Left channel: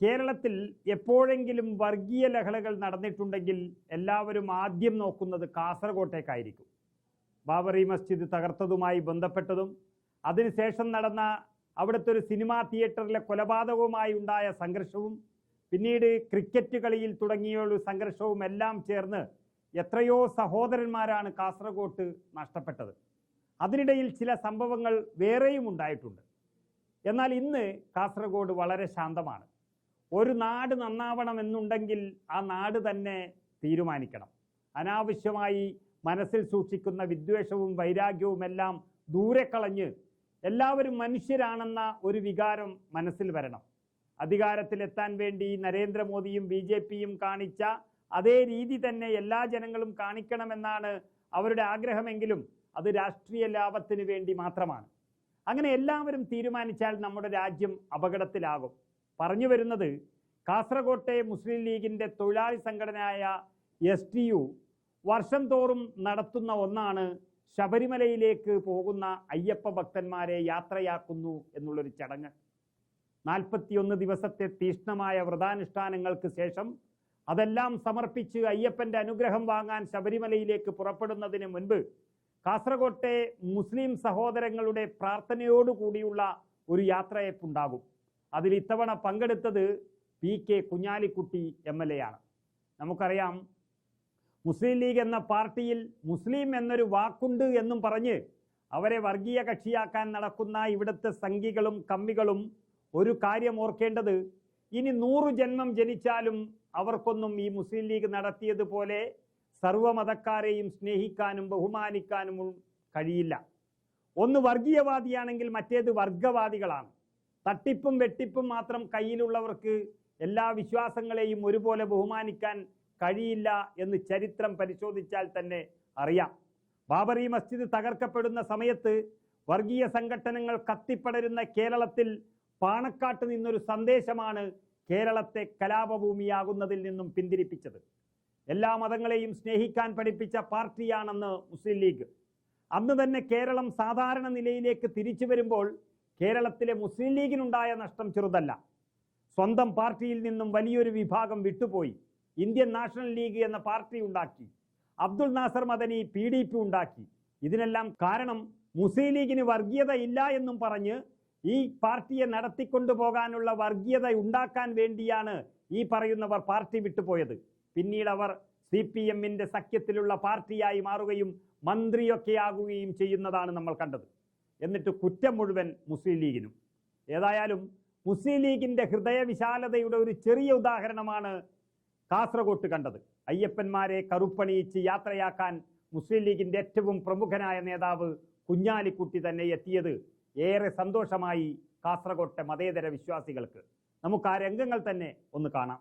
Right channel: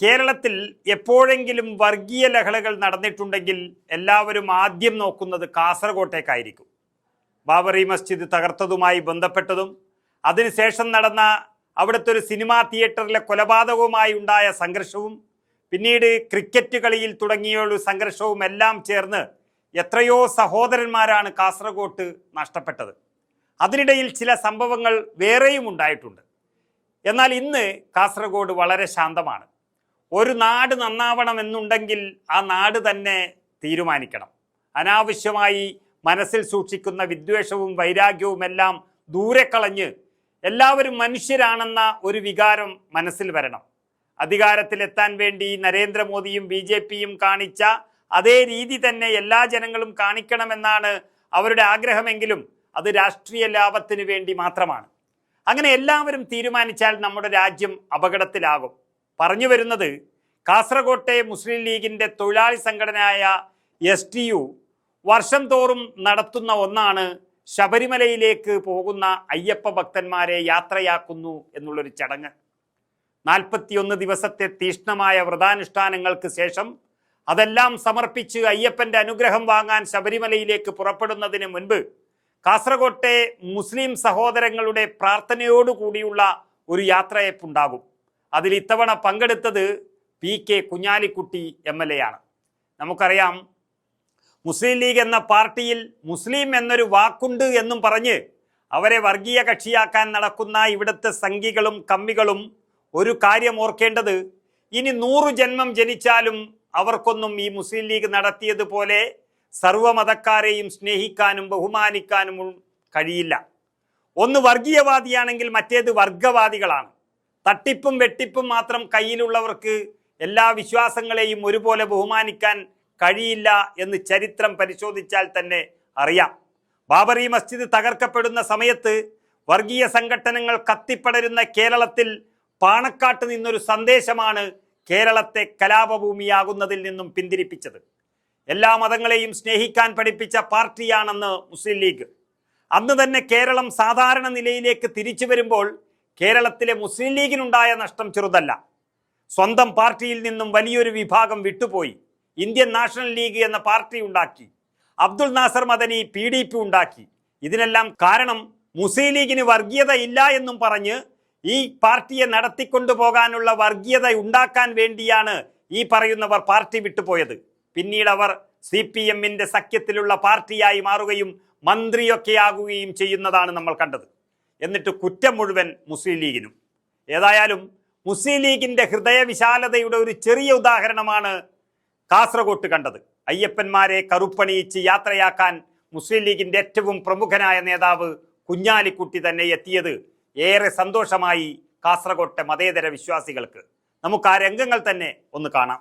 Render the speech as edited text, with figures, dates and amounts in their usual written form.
കേരളത്തിൽ എപ്പോഴെങ്കിലും വർഗീയ ലഹളകൾ നടന്നിട്ടുണ്ടെങ്കിൽ എല്ലാവരും ആദ്യം നോക്കുന്നത് കാസർഗോട്ടേക്കായിരിക്കും. ബാബറി മസ്ജിദ് തകർത്തതുമായി ബന്ധപ്പെട്ടതും അതിനുശേഷം നടന്ന അവിടുത്തെ ഒരു സിനിമാ തിയേറ്ററിലെ കൊലപാതകവുമായി ഉണ്ടായ സംഘർഷവും പിന്നീട് ക്രിക്കറ്റ് കളിയിൽ തുടങ്ങിയ ഒരു സംഘർഷവും എല്ലാം ചേർന്ന് എത്രയോ സഹോദരന്മാരാണ് കാസർഗോട്ട് നഷ്ടപ്പെട്ടത്. അതിനിടയിൽ ചില സംഭവങ്ങൾ വേറെയും ഉണ്ടായിട്ടുണ്ട്. എന്നാൽ ഇന്ന് കാസർഗോഡ് വളരെ ശാന്തമാണ്. ഒരു നാട് നന്നാവണമെന്നുണ്ടെങ്കിൽ ആ നാട് തന്നെ തീരുമാനിക്കണം. അനാവശ്യമായി മനസ്സിൽ സൂക്ഷിക്കുന്ന വിദ്വേഷവും വൈരാഗ്യവും എല്ലാം ദൂരെ കളഞ്ഞ് എല്ലാവരും മനുഷ്യരാണെന്ന ഒരു വികാരം മനസ്സിൽ വരണം. അധികാരത്തിലെത്താൻ വേണ്ടി നരേന്ദ്രമോദിയും BJPയും കാണിച്ച അതേ രീതി തന്നെ എല്ലാ ജനങ്ങളും കാണിക്കണമെന്നാണ് അവരുടെ ആഗ്രഹമെങ്കിലും അത് രാഷ്ട്രീയ ലാഭത്തിന് വേണ്ടി മാത്രമാണ്. അങ്ങനെ എല്ലാവരും തീരുമാനിച്ചാൽ നമ്മുടെ രാജ്യം അപകടത്തിലാകും. പറഞ്ഞു വരുന്നത്, കാസർഗോട്ടെ മുസ്ലിം ലീഗിൻ്റെ തൊഴിലാളി സംഘടനയായ STU വർഷം തോറും നടത്തുന്ന ഒന്നാണ് ശബരിമലയിലേക്ക് പോകുന്ന അയ്യപ്പ ഭക്തന്മാരെ യാത്രയാക്കുന്നു എന്നുള്ളൊരു ചടങ്ങ്. 41 ദിവസത്തെ തീഷ്ണമായ വ്രതാനുഷ്ഠാനങ്ങൾക്ക് ശേഷം അതെല്ലാം സമർപ്പിച്ച് അയ്യപ്പൻ്റെ അനുഗ്രഹം വാങ്ങാൻ ശബരിമലയിലേക്ക് പുറപ്പെടുന്നതിന് മുൻപ് കാസർഗോട്ടെ മുസ്ലിം സഹോദരങ്ങളുടെ പ്രാർത്ഥനയോടുകൂടിയുള്ള ഒരു യാത്രയപ്പുണ്ടാകും. അതിൽ ഇത്തവണ പങ്കെടുത്തത് PK കുഞ്ഞാലിക്കുട്ടി MLA ആണ്. നമുക്കറിയാം, മുസ്ലിം ലീഗ് എന്ന പാർട്ടിയിൽ മുസ്ലിം എന്നൊരു വാക്കുണ്ട് എന്നും പറഞ്ഞ് അവരെ വർഗീയ കക്ഷിയാക്കാൻ നടക്കുന്ന ഇവിടുത്തെ സംഘികളും കമ്മികളും ഒരു കാര്യം ഓർക്കേണ്ടത്, ഇനി 100 ജന്മം ജനിച്ചാലും അവർക്കൊന്നും ഈ മുസ്ലിം ലീഗ് നടത്തിയതുപോലെ സർവ്വമതക്കാരെയും സ്നേഹിക്കാനും ബഹുമാനിക്കാനും കഴിയില്ല. ഒന്ന് വർഗീയവാദിയാണെങ്കിൽ മറ്റേത് വർഗവാദികളാണ്. തട്ടിപ്പും വെട്ടിപ്പും മാത്രം കയ്യിലുള്ളവർക്ക് എല്ലാ വിശ്വാസങ്ങളെയും ഒരുപോലെ ബഹുമാനിക്കാൻ കഴിയില്ല എന്ന് ചരിത്രം പരിശോധിച്ചാൽ തന്നെ അറിയാം. ബാബറി മസ്ജിദ് തകർക്കപ്പെടുന്ന സമയത്ത് വർഗീയ സംഘടനകൾ കത്തിപ്പടരുന്ന കേരളത്തിൽ പാണക്കാട്ട് നിന്നൊരു സന്ദേശമാണ് കേരളത്തെ കലാപഭൂമിയാകുന്നതിൽ നിന്നും പിന്തിരിപ്പിച്ചത്. എല്ലാ മതങ്ങളെയും സ്നേഹിക്കാൻ പഠിപ്പിച്ച പാർട്ടിയാണെന്ന് മുസ്ലിം ലീഗ്. അന്ന് തന്നെ കേരളം സാധാരണ നിലയിലേക്ക് തിരിച്ചു വരുമ്പോൾ കേരളത്തിലെ മുസ്ലിം ലീഗിനുണ്ടായ നഷ്ടം ചെറുതല്ല. സ്വന്തം പാർട്ടിയിൽ നിന്നും വലിയൊരു വിഭാഗം വിട്ടുപോയി. ഇന്ത്യൻ നാഷണൽ ലീഗ് എന്ന പാർട്ടി ഉണ്ടാക്കി. അബ്ദുൾ നാസർ മദനി PDP ഉണ്ടാക്കി. ഇതിനെല്ലാം കാരണം മുസ്ലിം ലീഗിന് വർഗീയത ഇല്ല എന്നും പറഞ്ഞ് ഈ പാർട്ടിയെ നടത്തിക്കൊണ്ടുപോകാനുള്ള വർഗീയത ഉണ്ടാക്കാൻ വേണ്ടിയാണ് ഈ പറയുന്നവർ പാർട്ടി വിട്ടുപോയത്. പിന്നീട് അവർ CPMന്റെ സഖ്യത്തിലുള്ള പാർട്ടിയായി മാറുകയും മന്ത്രിയൊക്കെയാകുകയും ചെയ്യുന്നതാണ് നമ്മൾ കണ്ടത്. എന്നിട്ട് കുറ്റം മുഴുവൻ മുസ്ലിം ലീഗിനും. ഏതായാലും മുസ്ലിം ലീഗിൻ്റെ ഹൃദയവിശാലതയുടെ ഒരു ചെറിയ ഉദാഹരണമാണ് കാസർഗോട്ട് കണ്ടത്. അയ്യപ്പന്മാരെ കറുപ്പണിയിച്ച് യാത്രയാക്കാൻ മുസ്ലിം ലീഗിൻ്റെ ഏറ്റവും പ്രമുഖനായ നേതാവ് കുഞ്ഞാലിക്കുട്ടി തന്നെ എത്തിയത് ഏറെ സന്തോഷമായി കാസർഗോട്ടെ മതേതര വിശ്വാസികൾക്ക്. നമുക്ക് ആ രംഗങ്ങൾ തന്നെ ഒന്ന് കാണാം.